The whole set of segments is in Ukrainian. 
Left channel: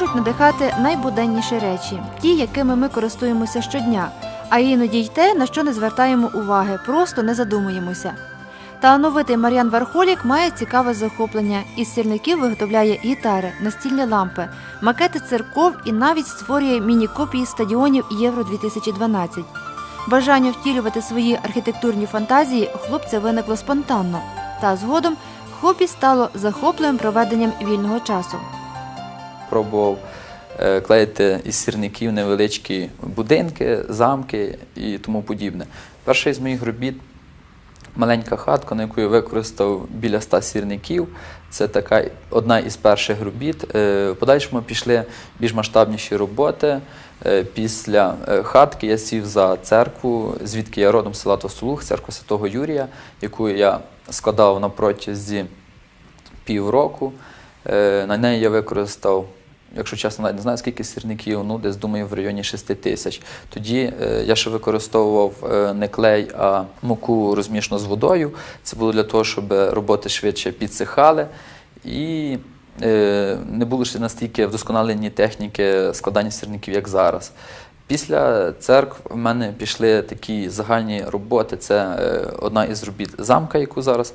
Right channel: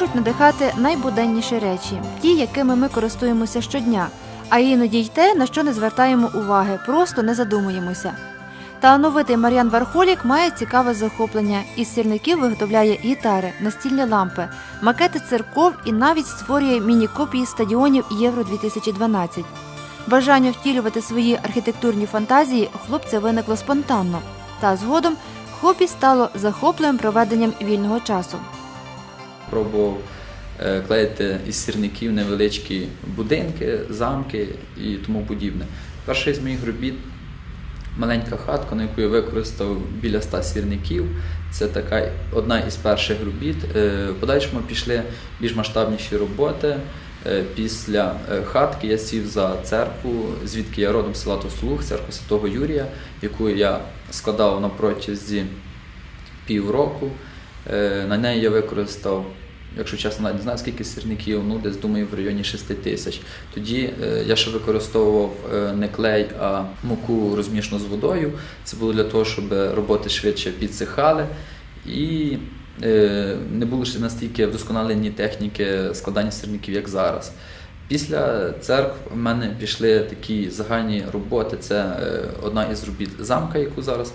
можуть надихати найбуденніші речі, ті, якими ми користуємося щодня, а іноді й те, на що не звертаємо уваги, просто не задумуємося. Талановитий Мар'ян Вархолік має цікаве захоплення. Із сільників, виготовляє гітари, настільні лампи, макети церков і навіть створює міні-копії стадіонів Євро 2012 Бажання втілювати свої архітектурні фантазії хлопця виникло спонтанно, та згодом хобі стало захопленим проведенням вільного часу пробував е, клеїти із сірників невеличкі будинки, замки і тому подібне. Перший з моїх робіт маленька хатка, на яку я використав біля ста сірників. Це така одна із перших робіт. Е, в подальшому пішли більш масштабніші роботи. Е, після хатки я сів за церкву, звідки я родом села Тослух, церкву Святого Юрія, яку я складав на протязі півроку. Е, на неї я використав, якщо чесно, навіть не знаю, скільки сірників, ну десь думаю в районі 6 тисяч. Тоді е, я ще використовував е, не клей, а муку розмішно з водою. Це було для того, щоб роботи швидше підсихали. І не було ще настільки вдосконалені техніки складання сирників, як зараз. Після церкв в мене пішли такі загальні роботи. Це одна із робіт замка, яку зараз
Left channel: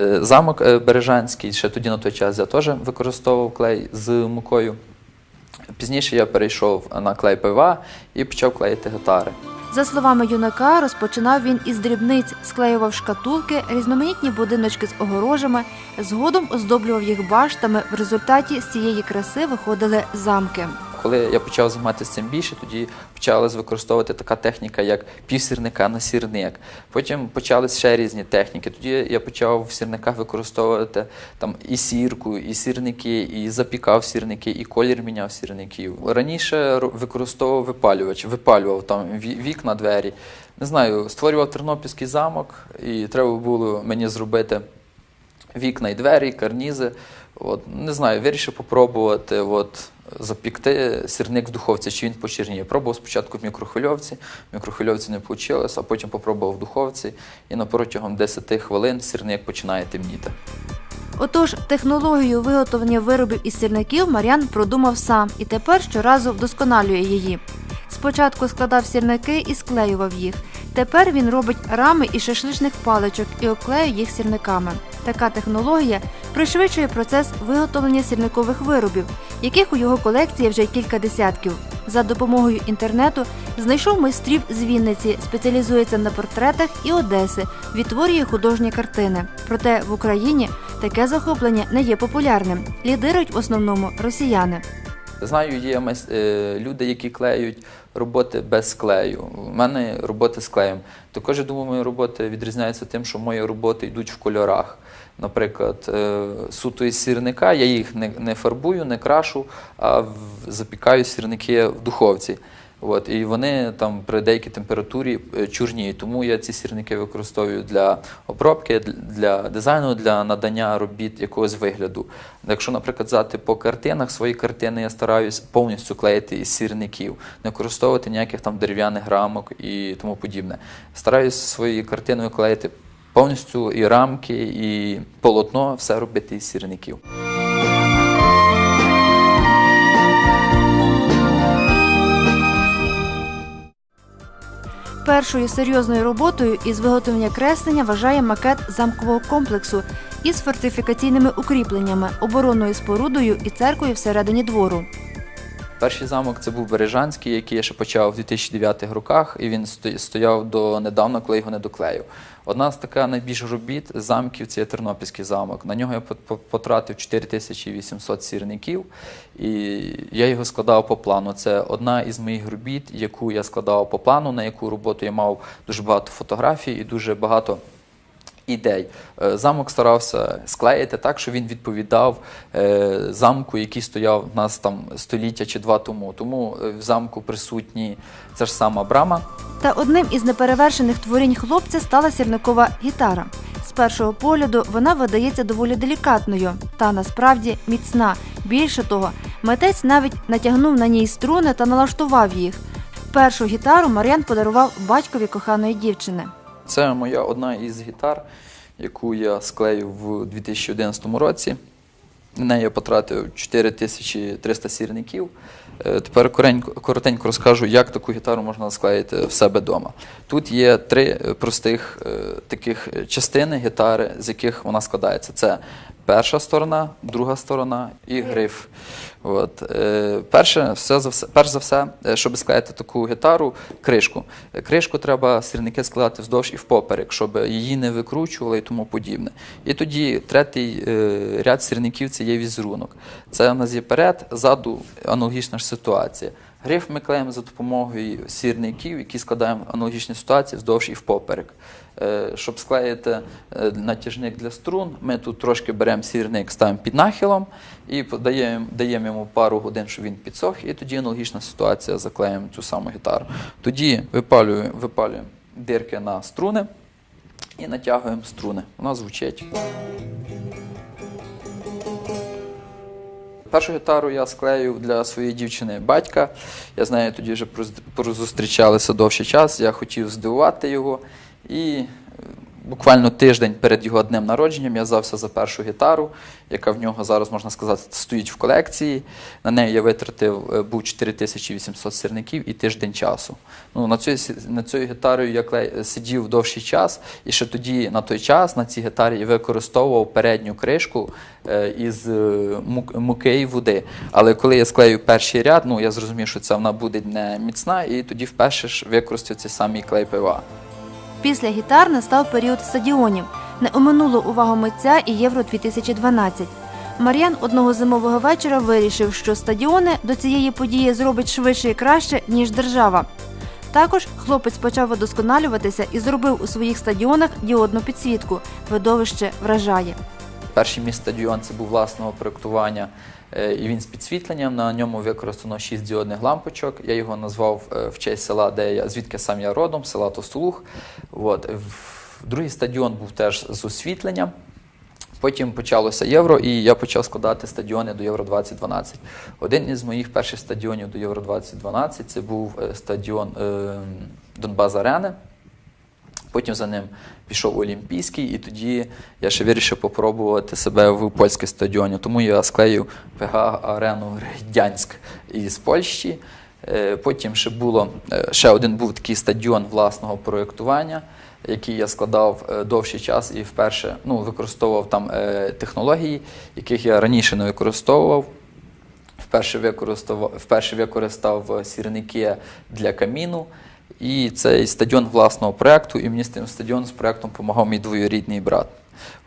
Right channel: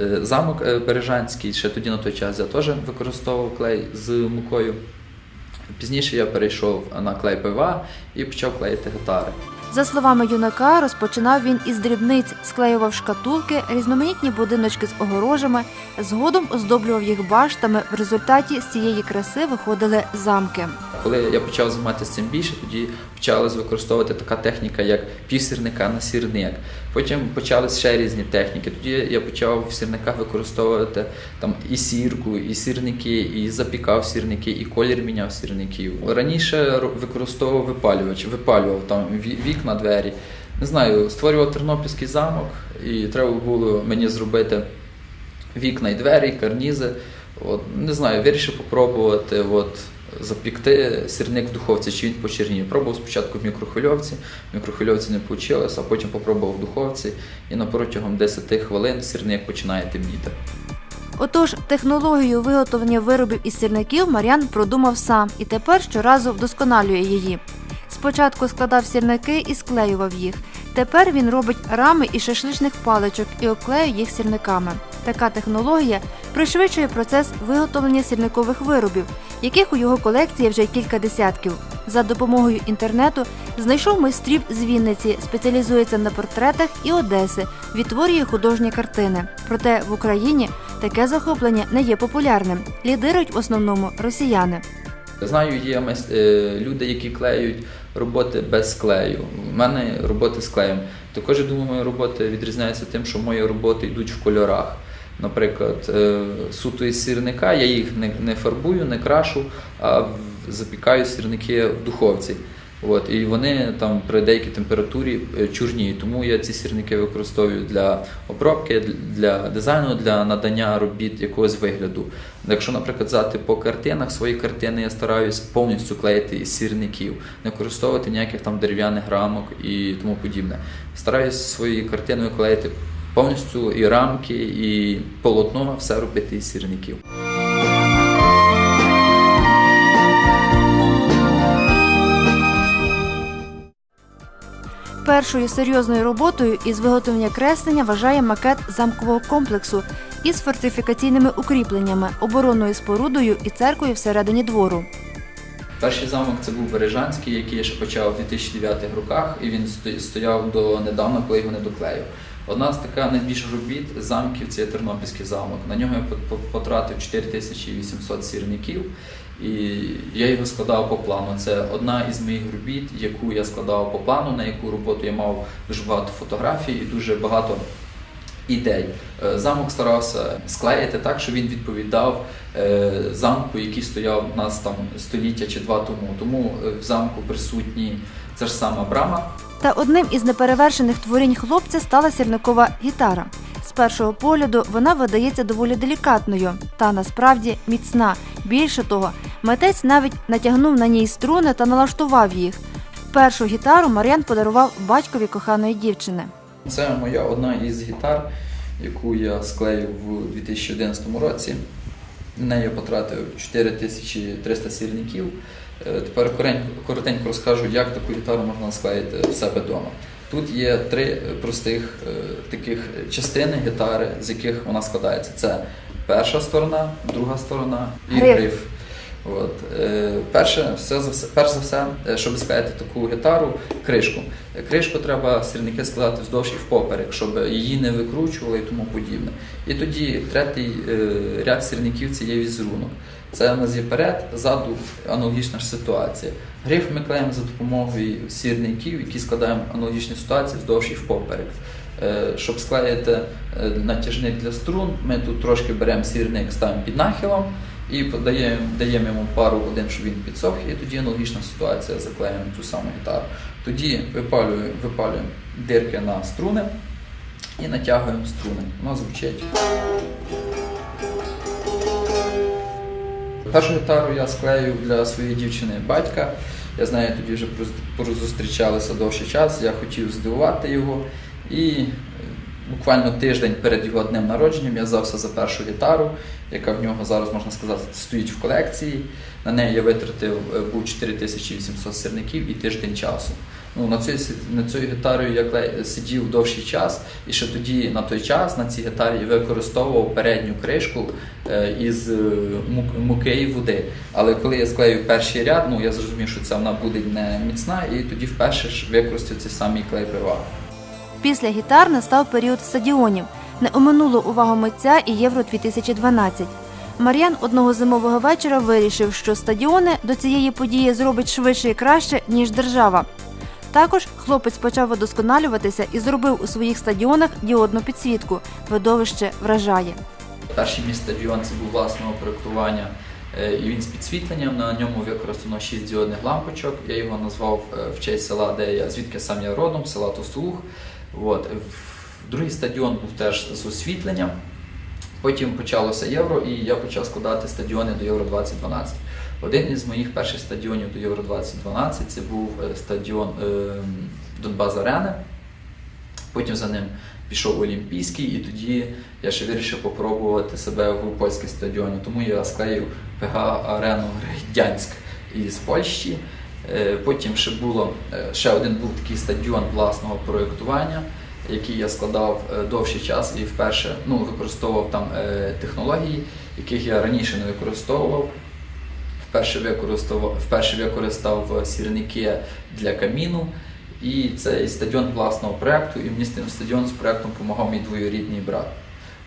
Е, замок е, Бережанський ще тоді на той час я теж використовував клей з мукою. Пізніше я перейшов на клей пива і почав клеїти гітари. За словами юнака, розпочинав він із дрібниць, склеював шкатулки, різноманітні будиночки з огорожами, згодом оздоблював їх баштами. В результаті з цієї краси виходили замки коли я почав займатися цим більше, тоді почалась використовувати така техніка, як півсірника на сірник. Потім почались ще різні техніки. Тоді я почав в сірниках використовувати там і сірку, і сірники, і запікав сірники, і колір міняв сірників. Раніше використовував випалювач, випалював там вікна, двері. Не знаю, створював тернопільський замок, і треба було мені зробити вікна і двері, і карнізи. От, Не знаю, вирішив попробувати от, запікти сірник в духовці, чи він почерніє. Пробував спочатку в мікрохвильовці, в мікрохвильовці не вийшло, а потім попробував в духовці, і на протягом 10 хвилин сирник починає темніти. Отож, технологію виготовлення виробів із сірників Мар'ян продумав сам і тепер щоразу вдосконалює її. Спочатку складав сірники і склеював їх. Тепер він робить рами із шашличних паличок і оклеює їх сірниками. Така технологія пришвидшує процес виготовлення сірникових виробів, яких у його колекції вже кілька десятків. За допомогою інтернету знайшов майстрів з Вінниці, спеціалізується на портретах і Одеси, відтворює художні картини. Проте в Україні таке захоплення не є популярним. Лідирують в основному росіяни. Знаю, є е, люди, які клеють роботи без клею. У мене роботи з клеєм. Також я думаю, мої роботи відрізняються тим, що мої роботи йдуть в кольорах наприклад, е, суто із сірника, я їх не не фарбую, не крашу, а запікаю сірники в духовці. От, І вони там при деякій температурі е, чорніють. Тому я ці сірники використовую для обробки, для дизайну, для надання робіт якогось вигляду. Якщо, наприклад, взяти типу по картинах, свої картини я стараюсь повністю клеїти із сірників, не використовувати ніяких там дерев'яних рамок і тому подібне. Стараюсь свої картини клеїти повністю і рамки, і полотно, все робити із сірників. Першою серйозною роботою із виготовлення креслення вважає макет замкового комплексу із фортифікаційними укріпленнями, оборонною спорудою і церквою всередині двору. Перший замок це був Бережанський, який я ще почав у 2009 роках, і він стояв до недавно, коли його не доклеїв. Одна з таких найбільших робіт замків це Тернопільський замок. На нього я потратив 4800 сірників, і я його складав по плану. Це одна із моїх робіт, яку я складав по плану, на яку роботу я мав дуже багато фотографій і дуже багато. Ідей. Е, замок старався склеїти так, що він відповідав е, замку, який стояв у нас там століття чи два тому. Тому е, в замку присутні це ж сама брама. Та одним із неперевершених творінь хлопця стала сірникова гітара. З першого погляду вона видається доволі делікатною та насправді міцна. Більше того, митець навіть натягнув на ній струни та налаштував їх. Першу гітару Мар'ян подарував батькові коханої дівчини. Це моя одна із гітар, яку я склеїв у 2011 році. На неї я потратив 4300 сірників. Е, тепер коротенько розкажу, як таку гітару можна склеїти в себе вдома. Тут є три е, простих е, таких частини гітари, з яких вона складається: це перша сторона, друга сторона і гриф. От. Е, перше, все за все, перш за все, е, щоб склеїти таку гітару, кришку. Кришку треба стрільники складати вздовж і впоперек, щоб її не викручували і тому подібне. І тоді третій е, ряд стрільників це є візерунок. Це у нас є перед, ззаду аналогічна ж ситуація. Гриф ми клеїмо за допомогою сірників, які складаємо аналогічні ситуації вздовж і впоперек. Щоб склеїти натяжник для струн, ми тут трошки беремо сірник, ставимо під нахилом. І даємо даємо йому пару годин, щоб він підсох, і тоді аналогічна ситуація заклеїмо цю саму гітару. Тоді випалюємо, випалюємо дирки на струни і натягуємо струни. Вона звучить. Першу гітару я склею для своєї дівчини батька. Я знаю, тоді вже зустрічалися довший час. Я хотів здивувати його. І буквально тиждень перед його днем народженням я взявся за першу гітару, яка в нього зараз, можна сказати, стоїть в колекції. На неї я витратив е, був 4800 сірників і тиждень часу. Ну, На цю, на цю гітарою я клей, сидів довший час, і ще тоді на той час на цій гітарі я використовував передню кришку е, із е, муки і води. Але коли я склею перший ряд, ну я зрозумів, що це вона буде не міцна, і тоді вперше ж використав цей самий клей ПВА. Після гітар настав період стадіонів. Не оминуло увагу митця і Євро 2012. Мар'ян одного зимового вечора вирішив, що стадіони до цієї події зробить швидше і краще, ніж держава. Також хлопець почав удосконалюватися і зробив у своїх стадіонах діодну підсвітку. Видовище вражає. Перший мій стадіон це був власного проєктування, е, і він з підсвітленням. На ньому використано 6 діодних лампочок. Я його назвав е, в честь села, де я звідки сам я родом, села Тостулух. От. Другий стадіон був теж з освітленням. Потім почалося євро, і я почав складати стадіони до Євро 2012. Один із моїх перших стадіонів до Євро 2012 це був е, стадіон ем, Донбас Арени. Потім за ним пішов Олімпійський, і тоді я ще вирішив попробувати себе в польській стадіоні. Тому я склеїв ПГ Арену Грядянськ із Польщі. Е, потім ще було е, ще один був такий стадіон власного проєктування, який я складав е, довший час і вперше ну, використовував там технології, яких я раніше не використовував. Вперше використав, вперше використав сірники для каміну. І цей стадіон власного проєкту, і мені з тим стадіон з проєктом допомагав мій двоюрідний брат.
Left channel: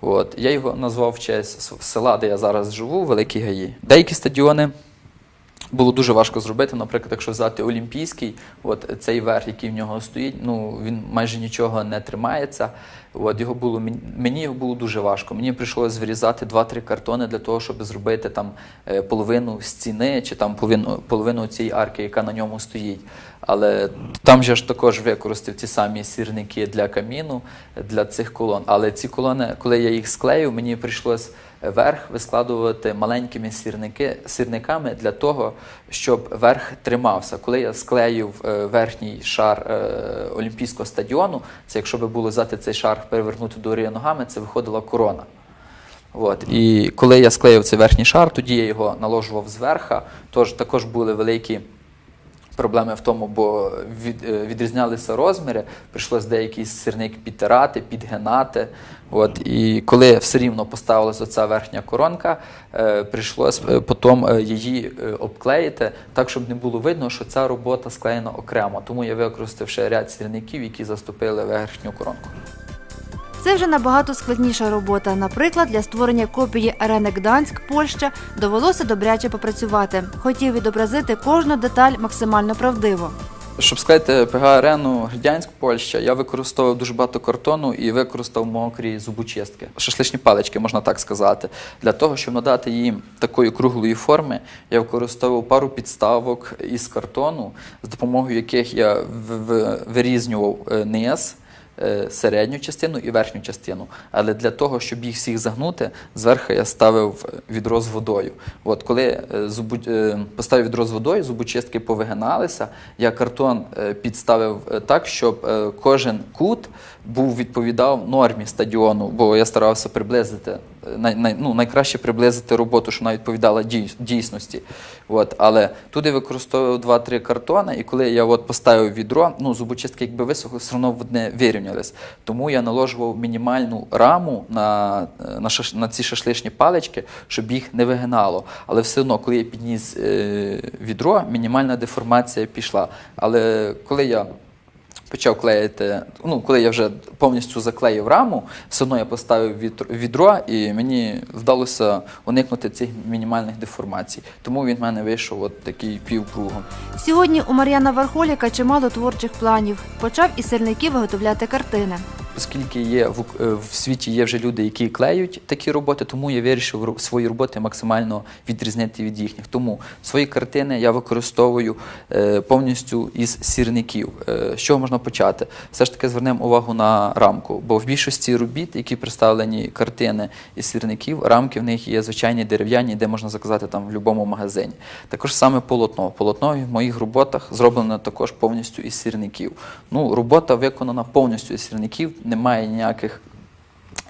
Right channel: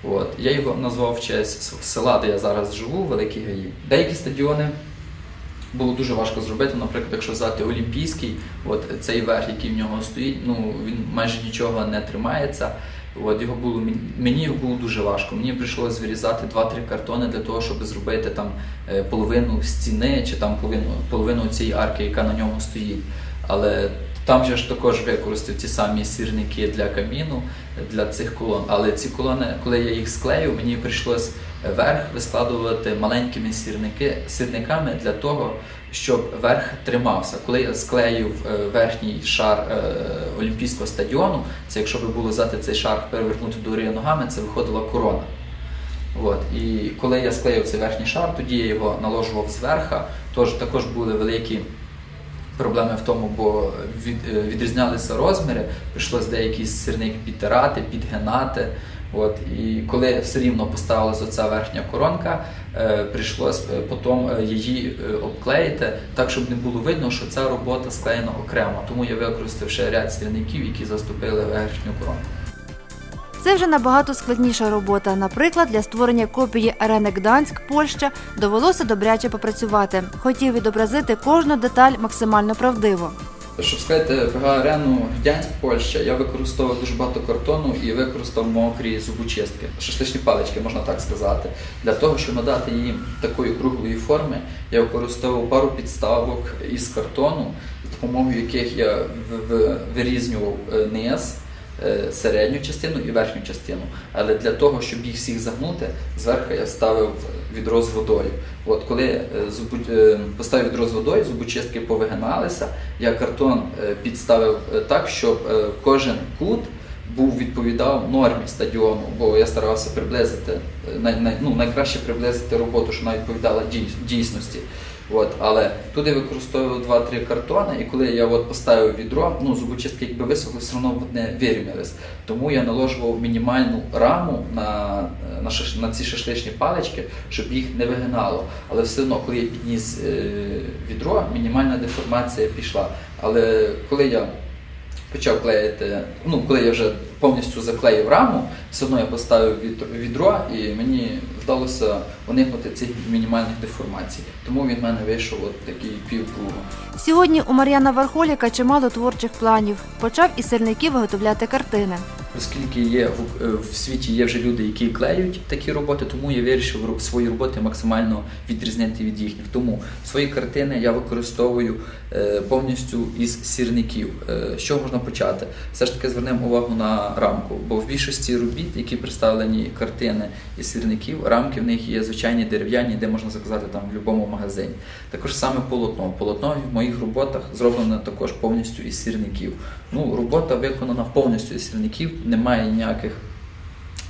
От. Я його назвав в честь села, де я зараз живу, Великі Гаї. Деякі стадіони було дуже важко зробити. Наприклад, якщо взяти Олімпійський, от цей верх, який в нього стоїть, ну він майже нічого не тримається. От його було мені його було дуже важко. Мені прийшлося вирізати 2-3 картони для того, щоб зробити там е, половину стіни чи там половину половину цієї арки, яка на ньому стоїть. Але там же ж також використав ті самі сірники для каміну, для цих колон. Але ці колони, коли я їх склеїв, мені прийшлось верх вискладувати маленькими сірники, сірниками для того, щоб верх тримався. Коли я склеїв е, верхній шар е, Олімпійського стадіону, це якщо би було взяти цей шар, перевернути дорію ногами, це виходила корона. От. І коли я склеїв цей верхній шар, тоді я його наложував зверха, тож також були великі. Проблеми в тому, бо від, е, відрізнялися розміри, прийшлось деякі сірник підтирати, підгинати. От, І коли все рівно поставилася оця верхня коронка, е, прийшлось е, потім е, її обклеїти так, щоб не було видно, що ця робота склеєна окремо. Тому я використав ще ряд сірників, які заступили верхню коронку. Це вже набагато складніша робота. Наприклад, для створення копії арени Гданськ, Польща довелося добряче попрацювати. Хотів відобразити кожну деталь максимально правдиво. Щоб сказати е, пг арену гдянськ Польща, я використовував дуже багато картону і використав мокрі зубочистки, шашличні палички, можна так сказати. Для того, щоб надати їм такої круглої форми, я використовував пару підставок із картону, за допомогою яких я вирізнював е, низ. Е, середню частину і верхню частину. Але для того, щоб їх всіх загнути, зверху я ставив відро з водою. От коли е, зубу... Е, поставив відро з водою, зубочистки повигиналися, я картон підставив так, щоб кожен кут. Був відповідав нормі стадіону, бо я старався приблизити най, най, ну, найкраще приблизити роботу, що вона відповідала дійсності. От, Але туди використовував два-три картони, і коли я от поставив відро, ну зубочистки якби висохли, все одно не вирівнялись. Тому я наложував мінімальну раму на е, на, шаш, на ці шашличні палички, щоб їх не вигинало. Але все одно, коли я підніс е, відро, мінімальна деформація пішла. Але коли я почав клеїти. Ну, коли я вже повністю заклеїв раму, все одно я поставив відро, і мені вдалося уникнути цих мінімальних деформацій. Тому він в мене вийшов от такий півкругом. Сьогодні у Мар'яна Вархоліка чимало творчих планів. Почав із сильників виготовляти картини оскільки є в, е, в світі є вже люди, які клеють такі роботи, тому я вирішив свої роботи максимально відрізнити від їхніх. Тому свої картини я використовую е, повністю із сірників. Е, що можна почати? Все ж таки звернемо увагу на рамку, бо в більшості робіт, які представлені картини із сірників, рамки в них є звичайні дерев'яні, де можна заказати там в будь-якому магазині. Також саме полотно. Полотно в моїх роботах зроблено також повністю із сірників. Ну, робота виконана повністю із сірників немає ніяких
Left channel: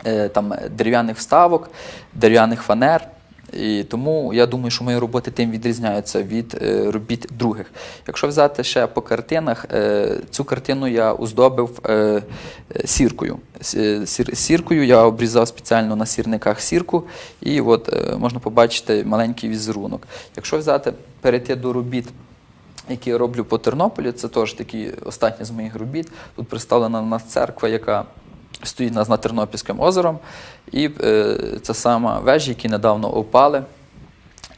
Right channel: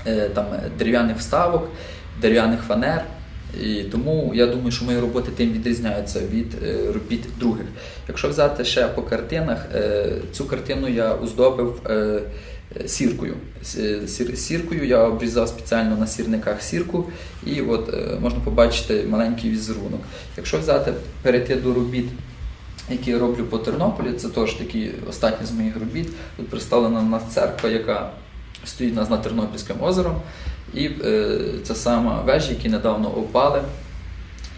е, там дерев'яних вставок, дерев'яних фанер. І Тому я думаю, що мої роботи тим відрізняються від е, робіт других. Якщо взяти ще по картинах, е, цю картину я оздобив сіркою. Сіркою я обрізав спеціально на сірниках сірку, і от можна побачити маленький візерунок. Якщо взяти перейти до робіт які я роблю по Тернополі. Це теж такі останні з моїх робіт. Тут представлена нас церква, яка стоїть нас над Тернопільським озером. І е, ця сама вежа, які недавно опали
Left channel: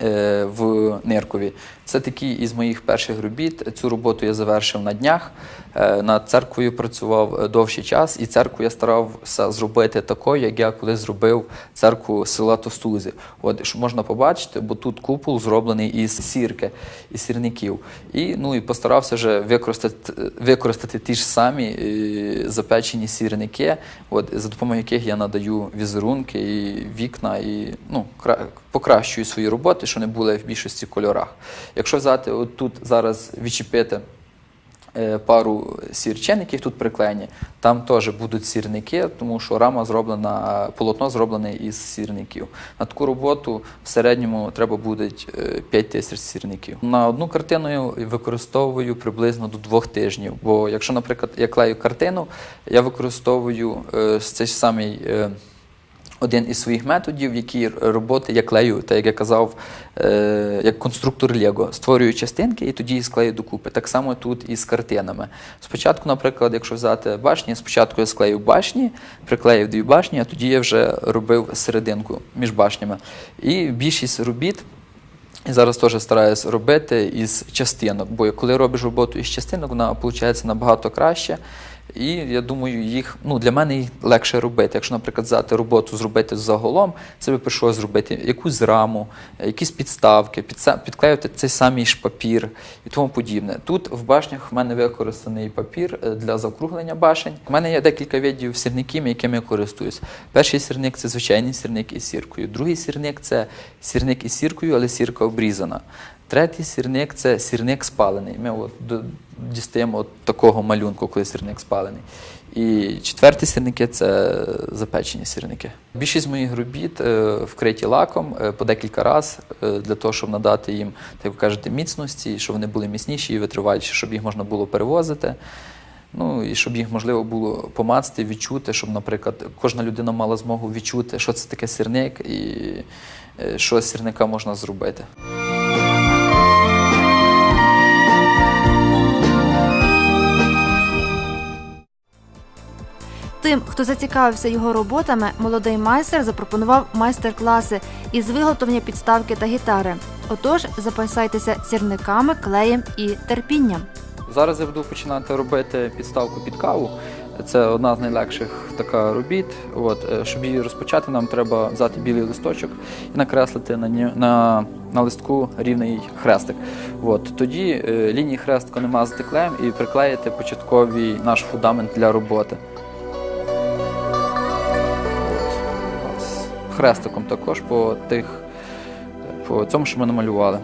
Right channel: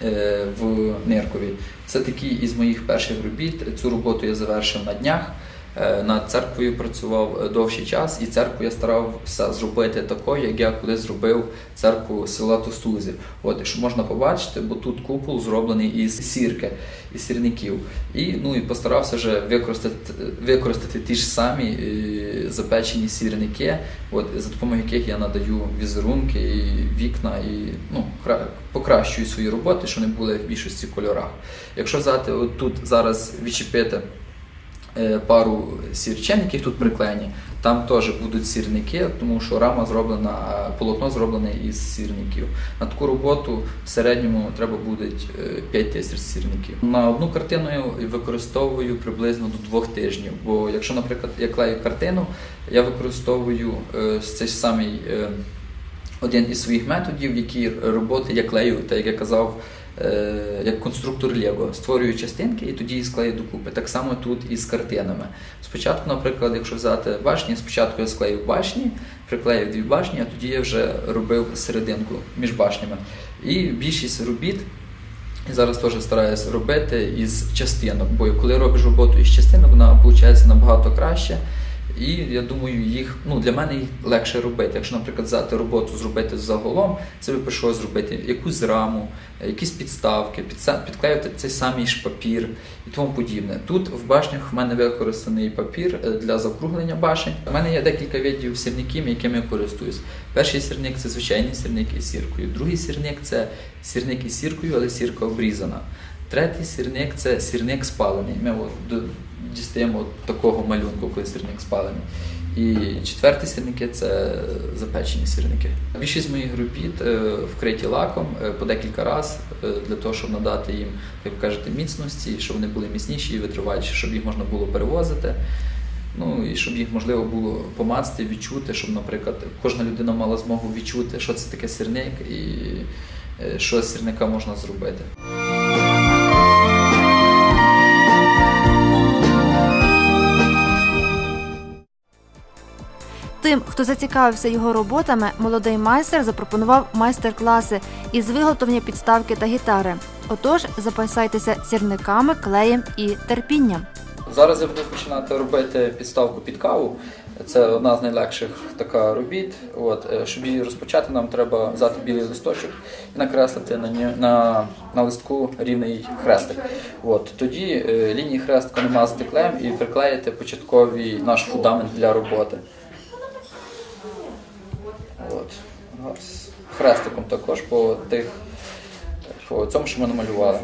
е, в Ниркові. Це такі із моїх перших робіт. Цю роботу я завершив на днях. Е, над церквою працював е, довший час, і церкву я старався зробити такою, як я коли зробив церкву села Тостузи. От що можна побачити, бо тут купол зроблений із сірки, із сірників. І ну і постарався вже використати використати ті ж самі е, запечені сірники, от за допомогою яких я надаю візерунки і вікна, і ну покращую свої роботи, що не були в більшості кольорах. Якщо взяти, от тут зараз відчепити. Е, пару сірчен, які тут приклеєні. Там теж будуть сірники, тому що рама зроблена, полотно зроблене із сірників. На таку роботу в середньому треба буде 5 е, тисяч сірників. На одну картину я використовую приблизно до двох тижнів. Бо якщо, наприклад, я клею картину, я використовую е, цей самий один із своїх методів, які роботи я клею, так як я казав. Е, як конструктор Лего. Створюю частинки і тоді їх склею докупи. Так само тут і з картинами. Спочатку, наприклад, якщо взяти башні, спочатку я склею башні, приклеїв дві башні, а тоді я вже робив серединку між башнями. І більшість робіт. І зараз теж стараюся робити із частинок, бо коли робиш роботу із частинок, вона виходить набагато краще. І я думаю, їх ну для мене їх легше робити. Якщо, наприклад, взяти роботу, зробити загалом, це би прийшло зробити якусь раму, якісь підставки, підклеювати цей самий ж папір і тому подібне. Тут в башнях в мене використаний папір е, для закруглення башень. У мене є декілька видів сірників, якими я користуюсь. Перший сірник це звичайний сірник із сіркою. Другий сірник це сірник із сіркою, але сірка обрізана. Третій сірник це сірник спалений. Ми от дістаємо от такого малюнку, коли сірник спалений. І четверті сірники це запечені сірники. Більшість моїх робіт е, вкриті лаком е, по декілька разів е, для того, щоб надати їм, так типу, ви кажете, міцності, щоб вони були міцніші і витриваліші, щоб їх можна було перевозити. Ну і щоб їх можливо було помацати, відчути, щоб, наприклад, кожна людина мала змогу відчути, що це таке сірник і що з сірника можна зробити. Тим, хто зацікавився його роботами, молодий майстер запропонував майстер-класи із виготовлення підставки та гітари. Отож, запасайтеся сірниками, клеєм і терпінням. Зараз я буду починати робити підставку під каву. Це одна з найлегших така робіт. От е, щоб її розпочати, нам треба взяти білий листочок і накреслити на на, на листку рівний хрестик. От тоді е, лінії хрестку намазати клеєм і приклеїти початковий наш фундамент для роботи. хрестиком також по тих, по цьому, що ми намалювали.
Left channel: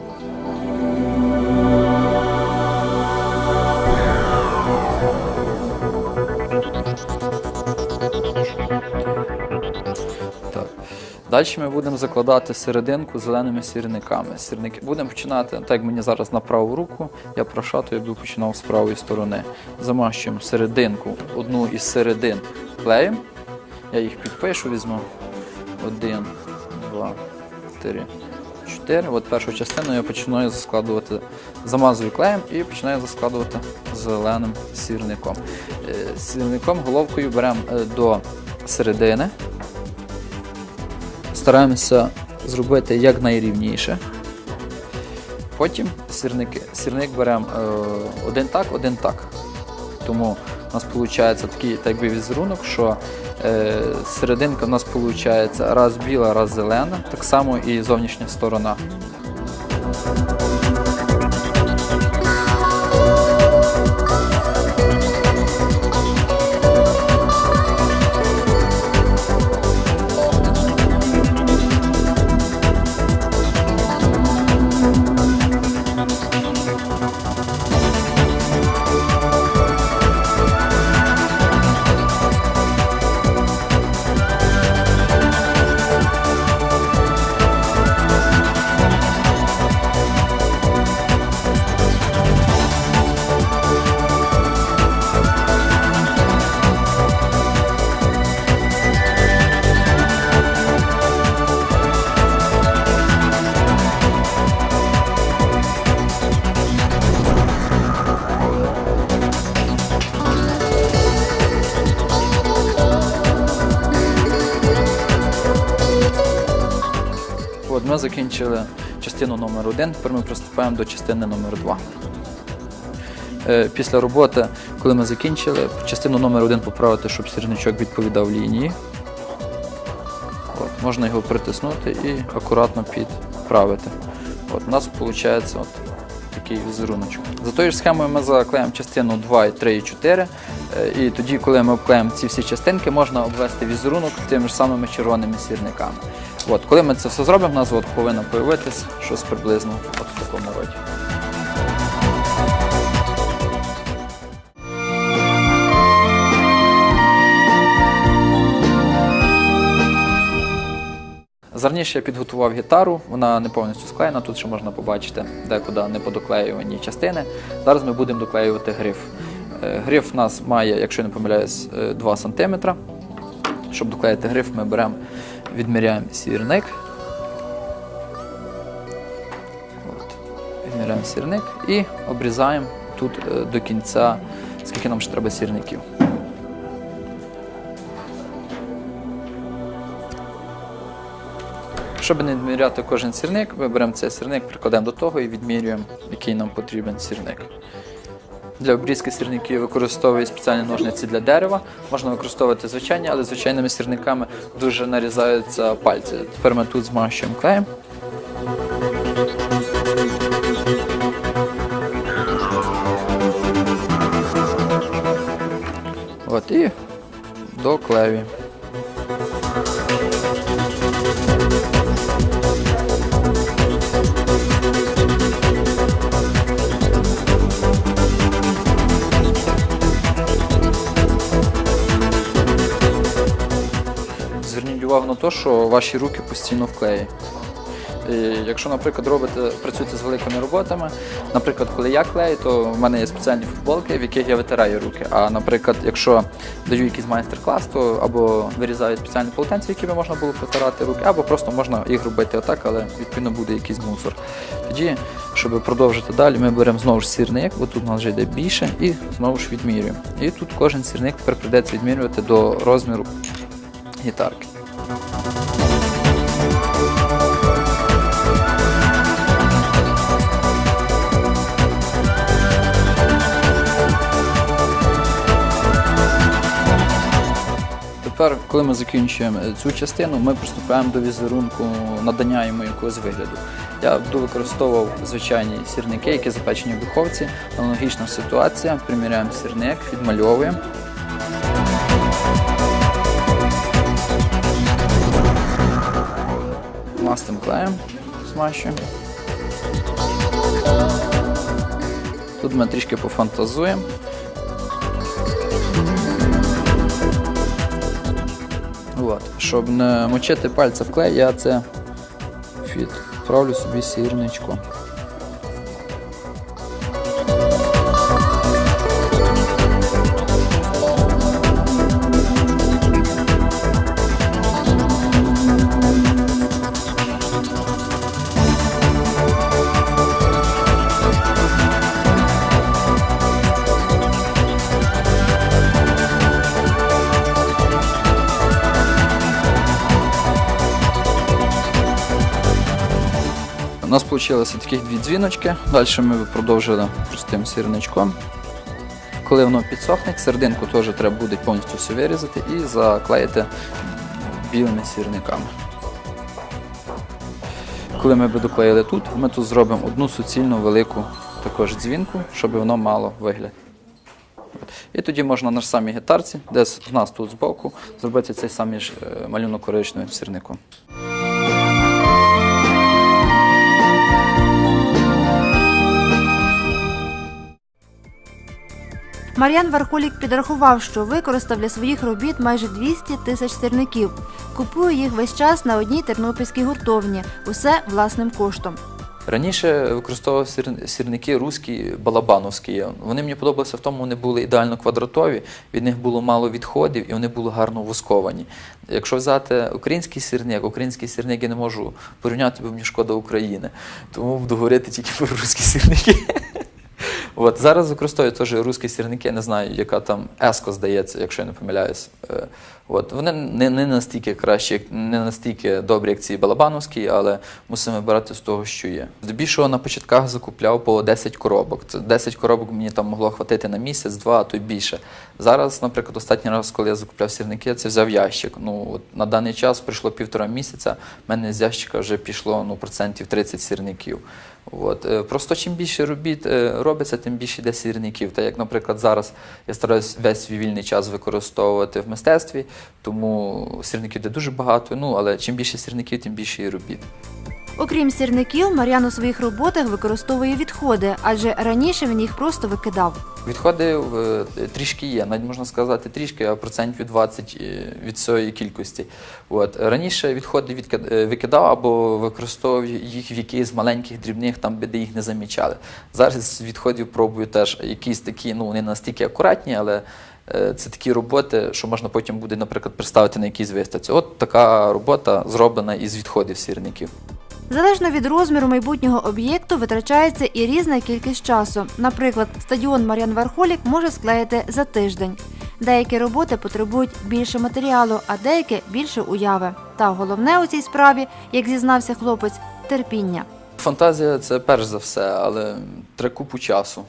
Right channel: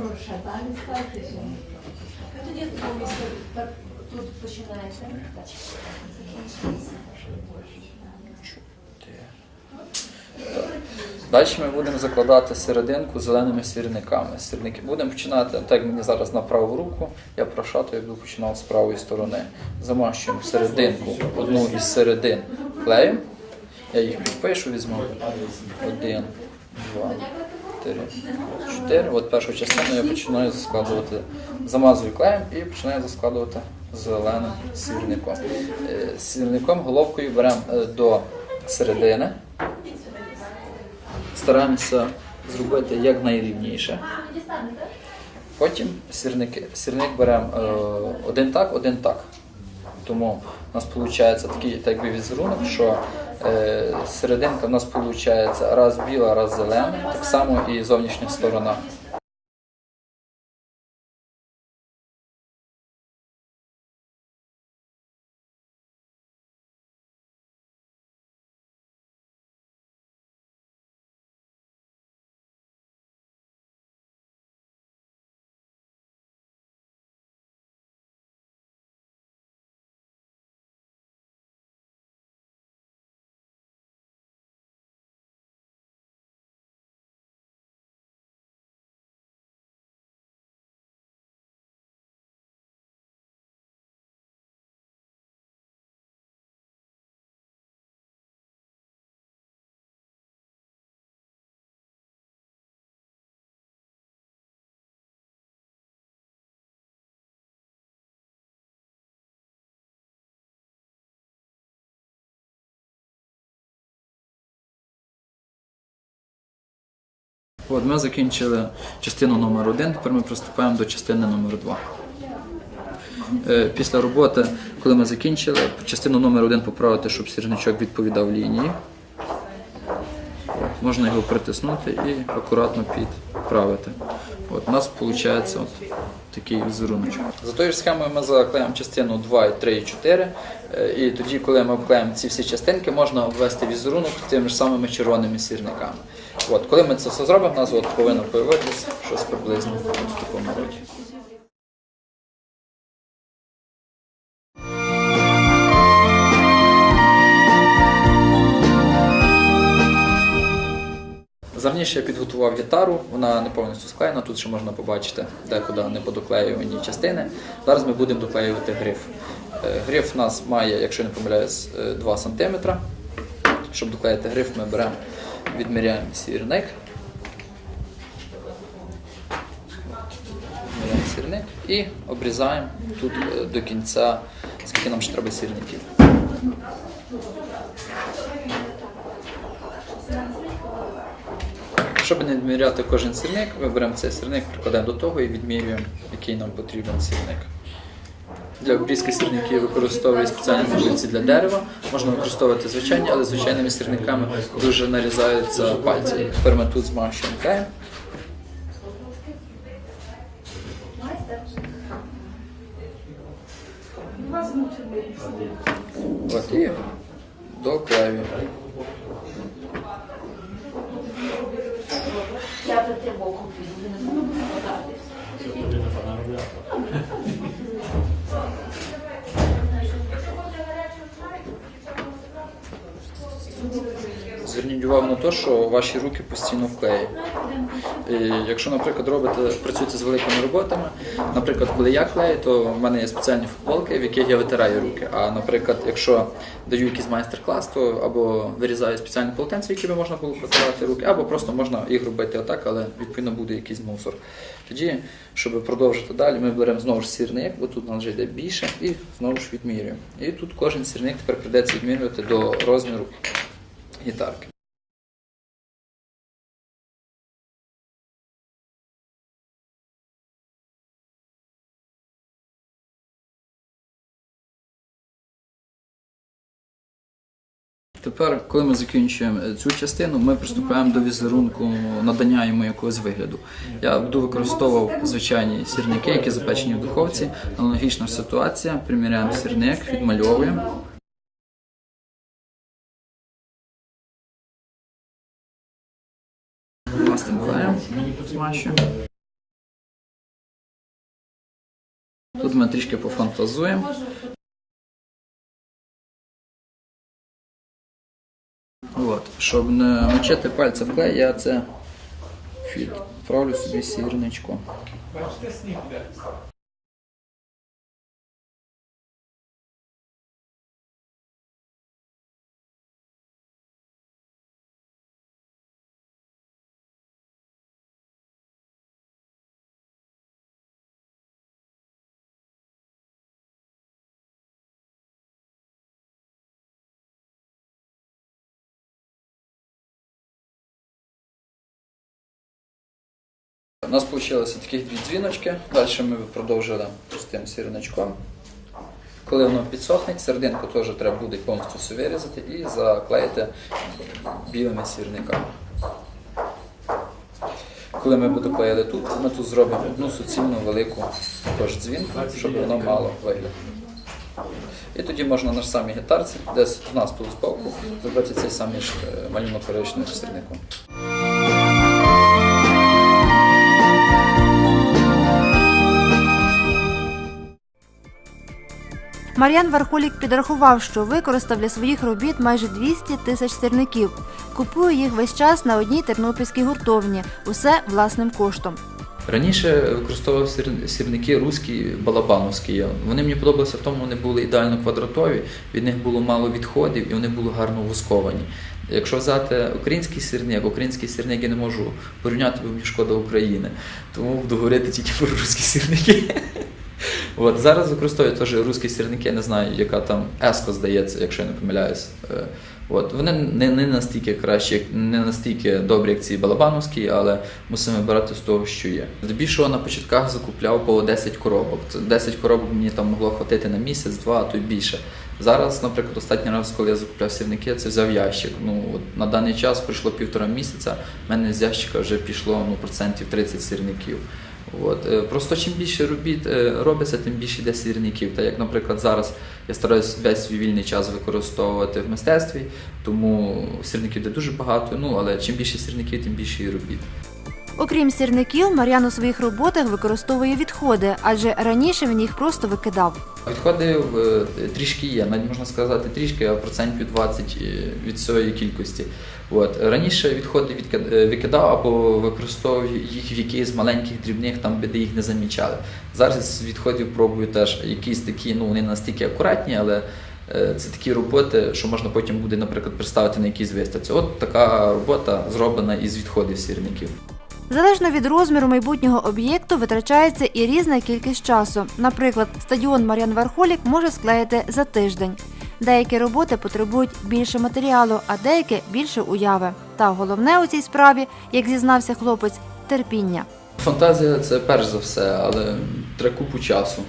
Далі ми будемо закладати серединку зеленими сірниками. Сірники будемо починати, так як мені зараз на праву руку, я прошатую, буду починав з правої сторони. Замащуємо серединку, одну із середин клею. Я їх підпишу, візьму один, два, чотири. Чотири. От першу частину я починаю заскладувати, замазую клеєм і починаю заскладувати зеленим сірником. Е, сірником головкою беремо е, до середини. Стараємося зробити якнайрівніше. Потім сірники. сірник беремо е, один так, один так. Тому у нас виходить такий так би, візерунок, що Е, серединка в нас виходить раз біла, раз зелена, так само і зовнішня сторона. закінчили частину номер 1 тепер ми приступаємо до частини номер 2 е, Після роботи, коли ми закінчили, частину номер 1 поправити, щоб сірничок відповідав лінії. От, можна його притиснути і акуратно підправити. От, У нас виходить от такий візерунок. За тою ж схемою ми заклеїмо частину 2, 3 і 4. Е, і тоді, коли ми обклеїмо ці всі частинки, можна обвести візерунок тими ж самими червоними сірниками. От, Коли ми це все зробимо, в нас от повинно появитися щось приблизно в такому роді. Зерніше я підготував гітару, вона не повністю склеєна, тут ще можна побачити декуди неподоклеювані частини. Зараз ми будемо доклеювати гриф. Е, гриф у нас має, якщо я не помиляюсь, 2 е, см. Щоб доклеїти гриф, ми беремо Відміряємо сірник. Відміряємо сірник і обрізаємо тут е, до кінця, скільки нам ще треба сірників. Щоб не відміряти кожен сірник, ми беремо цей сірник, прикладаємо до того і відмірюємо, який нам потрібен сірник. Для обрізки сірників використовують спеціальні ножниці для дерева. Можна використовувати звичайні, але звичайними сірниками дуже нарізаються пальці. Тепер ми тут змащуємо клеєм. От і доклеюємо. те, що ваші руки постійно в клеї. І Якщо, наприклад, робите, працюєте з великими роботами, наприклад, коли я клею, то в мене є спеціальні футболки, в яких я витираю руки. А наприклад, якщо даю якийсь майстер-клас, то або вирізаю спеціальні полотенці, якими можна було протирати руки, або просто можна їх робити отак, але відповідно буде якийсь мусор. Тоді, щоб продовжити далі, ми беремо знову ж сірник, бо тут у вже йде більше, і знову ж відмірюємо. І тут кожен сірник тепер прийдеться відмірювати до розміру гітарки. Тепер, коли ми закінчуємо е, цю частину, ми приступаємо до візерунку надання йому якогось вигляду. Я буду використовував звичайні сірники, які запечені в духовці. Аналогічна ситуація. Приміряємо сірник, відмальовуємо. пухнастим клеєм змащуємо. Тут ми трішки пофантазуємо. От. Щоб не мочити пальця в клей, я це відправлю собі сірничку. Получилися такі дві дзвіночки. Далі ми продовжили простим сірничком. Коли воно підсохне, серединку теж треба буде повністю все вирізати і заклеїти білими сірниками. Коли ми будемо клеїти тут, ми тут зробимо одну суцільну велику також дзвінку, щоб воно мало вигляд. І тоді можна на самій гітарці, десь в нас тут збоку, зробити цей самий е, малюнок коричневим сірником. Мар'ян Вархолік підрахував, що використав для своїх робіт майже 200 тисяч сірників. Купує їх весь час на одній тернопільській гуртовні. Усе власним коштом. Раніше використовував сірники руські, балабановські. Вони мені подобалися в тому, вони були ідеально квадратові, від них було мало відходів і вони були гарно вусковані. Якщо взяти український сірник, український сірник я не можу порівняти, бо мені шкода України. Тому буду говорити тільки про русські сірники. От Зараз використовують теж русські сірники, не знаю, яка там еско здається, якщо я не помиляюсь. Е, от. Вони не не настільки кращі, не настільки добрі, як ці балабановські, але мусимо брати з того, що є. Здебільшого на початках закупляв по 10 коробок. Це 10 коробок мені там могло хватити на місяць-два, а то й більше. Зараз, наприклад, останній раз, коли я закупляв сірники, я це взяв ящик. Ну, от На даний час пройшло півтора місяця, в мене з ящика вже пішло ну, процентів 30 сірників. От. Е, просто чим більше робіт е, робиться, тим більше йде сірників. Та як, наприклад, зараз я стараюся весь свій вільний час використовувати в мистецтві, тому сірників йде дуже багато. Ну але чим більше сірників, тим більше і робіт. Окрім сірників, Мар'ян у своїх роботах використовує відходи, адже раніше він їх просто викидав. Відходи е, трішки є, навіть можна сказати трішки, а процентів 20 від цієї кількості. От Раніше відходи е, викидав або використовував їх в якихось маленьких дрібних, там де їх не замічали. Зараз відходів пробую теж якісь такі, ну вони настільки акуратні, але е, це такі роботи, що можна потім буде, наприклад, представити на якійсь виставці. От така робота зроблена із відходів сірників. Залежно від розміру майбутнього об'єкту витрачається і різна кількість часу. Наприклад, стадіон Маріан-Верхолік може склеїти за тиждень. Деякі роботи потребують більше матеріалу, а деякі більше уяви. Та головне у цій справі, як зізнався хлопець, терпіння. Фантазія це перш за все, але треба купу часу.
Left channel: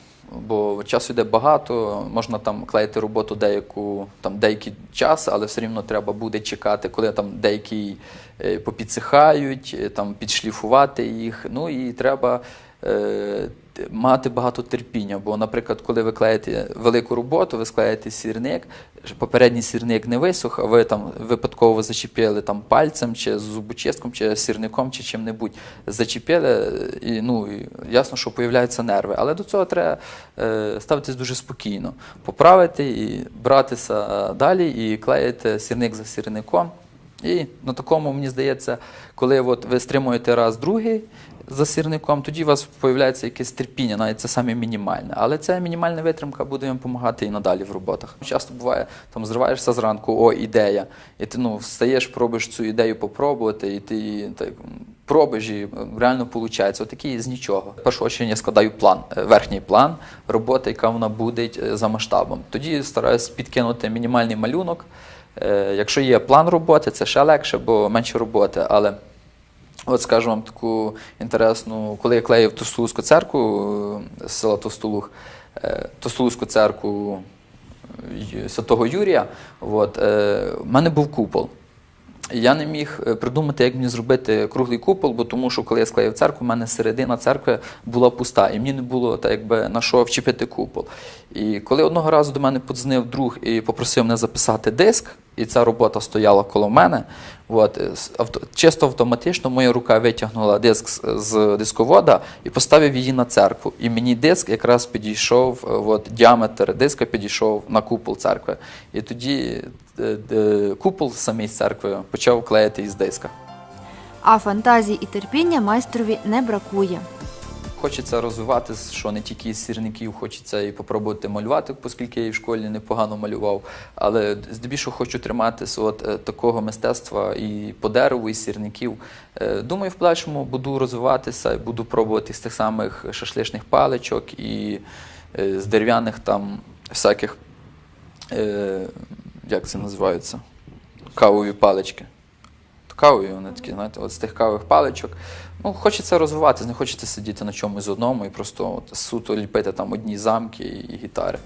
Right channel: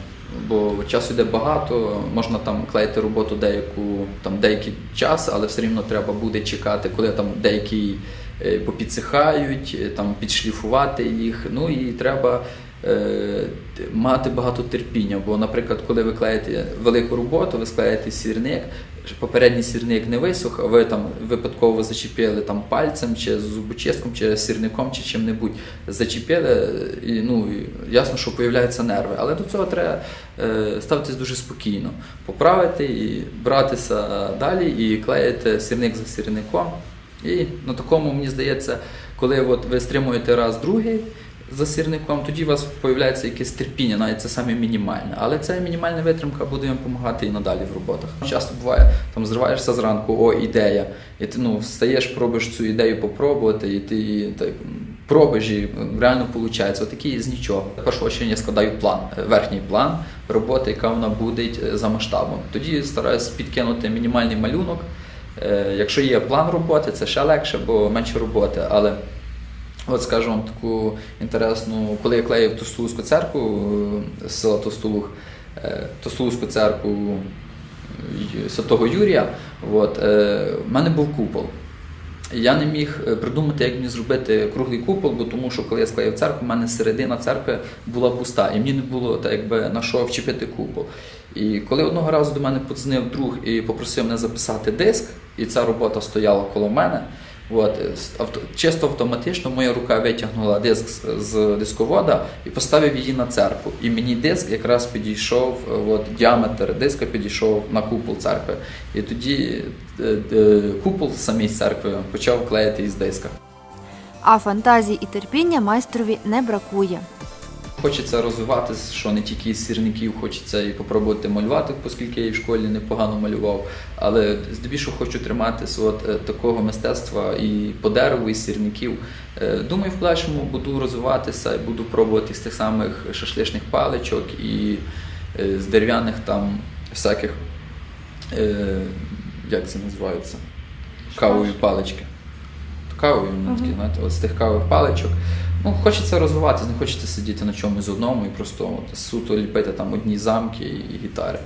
Бо часу йде багато, можна там клеїти роботу деяку там деякий час, але все рівно треба буде чекати, коли там деякі е, попідсихають, е, там підшліфувати їх. Ну і треба Е, мати багато терпіння. Бо, наприклад, коли ви клеїте велику роботу, ви склеїте сірник, попередній сірник не висох, а ви там випадково зачепили там пальцем, чи зубочистком, чи сірником, чи чим-небудь. Зачепили, і ну ясно, що появляються нерви. Але до цього треба е, ставитись дуже спокійно, поправити і братися далі, і клеїти сірник за сірником. І на такому, мені здається, коли от ви стримуєте раз другий за сирником, тоді у вас з'являється якесь терпіння, навіть це саме мінімальне. Але ця мінімальна витримка буде їм допомагати і надалі в роботах. Часто буває, там зриваєшся зранку, о, ідея. І ти ну, встаєш, пробуєш цю ідею попробувати, і ти так, пробуєш, і ну, реально виходить. Отакі з нічого. Першого я складаю план, е, верхній план роботи, яка вона буде е, за масштабом. Тоді стараюся підкинути мінімальний малюнок. Е, якщо є план роботи, це ще легше, бо менше роботи. але От скажу вам таку інтересну, коли я клеїв Тостулузьку церкву е, з села Тостулух, е, Тостулузьку церкву е, Святого Юрія, от, в мене був купол. Я не міг придумати, як мені зробити круглий купол, бо тому що коли я склеїв церкву, в мене середина церкви була пуста, і мені не було так, якби на що вчепити купол. І коли одного разу до мене подзвонив друг і попросив мене записати диск, і ця робота стояла коло мене, От, Чисто автоматично моя рука витягнула диск з дисковода і поставив її на церкву. І мені диск якраз підійшов, от, діаметр диска підійшов на купол церкви. І тоді е, е, купол самій церкви почав клеїти із диска. А фантазії і терпіння майстрові не бракує. Хочеться розвивати, що не тільки із сірників, хочеться і попробувати малювати, оскільки я і в школі непогано малював. Але здебільшого хочу триматися от е, такого мистецтва і по дереву, і сірників. Е, думаю, в подальшому буду розвиватися, буду пробувати з тих самих шашличних паличок і е, з дерев'яних там всяких, як це називається, кавові палички кавою, вони ну, mm-hmm. такі, знаєте, от з тих кавових паличок. Ну, Хочеться розвиватися, не хочеться сидіти на чомусь одному і просто от, суто ліпити там одні замки і гітари.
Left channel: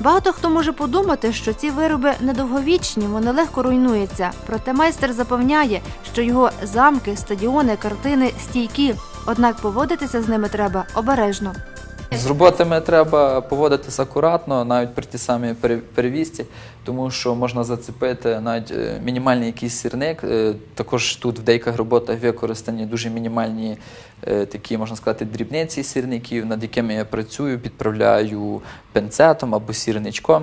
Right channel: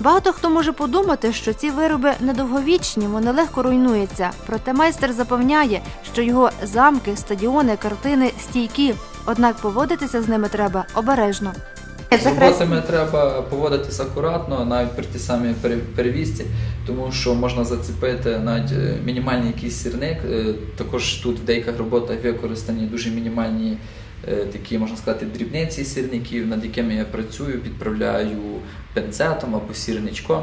Багато хто може подумати, що ці вироби недовговічні, вони легко руйнуються. Проте майстер запевняє, що його замки, стадіони, картини стійкі. Однак поводитися з ними треба обережно. З роботами треба поводитись акуратно, навіть при ті самі перевізці, тому що можна зацепити навіть е, мінімальний якийсь сірник. Е, також тут в деяких роботах використані дуже мінімальні е, такі, можна сказати, дрібниці сірників, над якими я працюю, підправляю пенцетом або сірничком.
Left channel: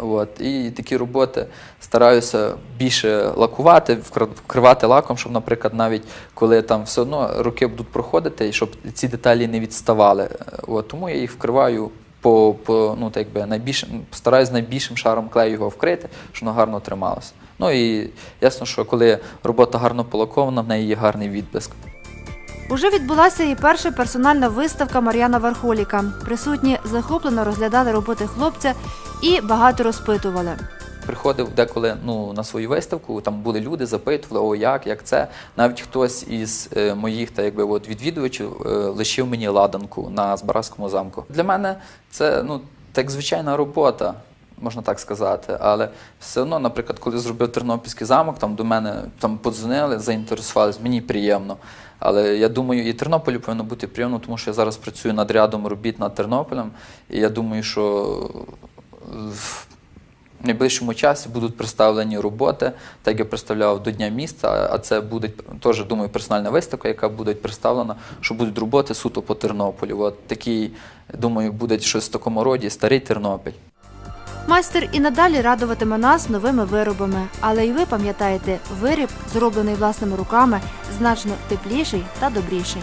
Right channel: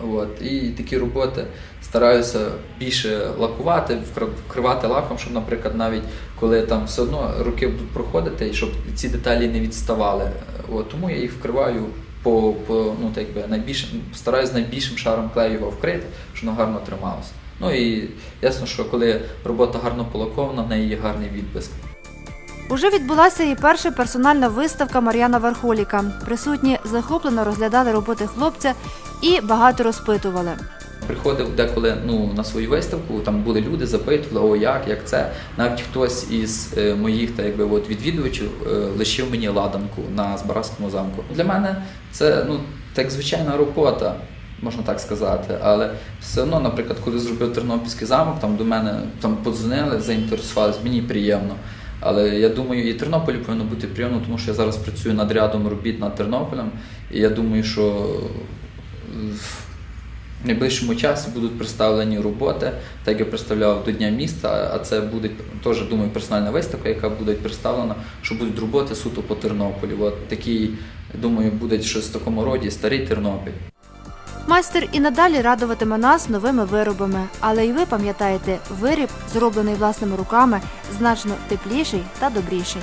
От. І такі роботи стараюся більше лакувати, вкривати лаком, щоб, наприклад, навіть коли там все одно руки будуть проходити, щоб ці деталі не відставали. От. Тому я їх вкриваю по, по ну, так би, найбільшим, стараюся найбільшим шаром клею його вкрити, щоб воно гарно трималося. Ну і ясно, що коли робота гарно полакована, в неї є гарний відблиск. Уже відбулася і перша персональна виставка Мар'яна Вархоліка. Присутні захоплено розглядали роботи хлопця і багато розпитували. Приходив деколи ну, на свою виставку, там були люди, запитували, о як, як це. Навіть хтось із е, моїх та якби от відвідувачів е, лишив мені ладанку на Збаразькому замку. Для мене це ну так звичайна робота, можна так сказати. Але все одно, наприклад, коли зробив Тернопільський замок, там до мене там подзвонили, заінтересувалися, мені приємно. Але я думаю, і Тернополю повинно бути прийомно, тому що я зараз працюю над рядом робіт над Тернополем. І я думаю, що в найближчому часі будуть представлені роботи, так я представляв до Дня міста, а це буде теж, думаю, персональна виставка, яка буде представлена, що будуть роботи суто по Тернополю. От такі, думаю, буде щось в такому роді, старий Тернопіль. Майстер і надалі радуватиме нас новими виробами, але й ви пам'ятаєте, виріб, зроблений власними руками, значно тепліший та добріший.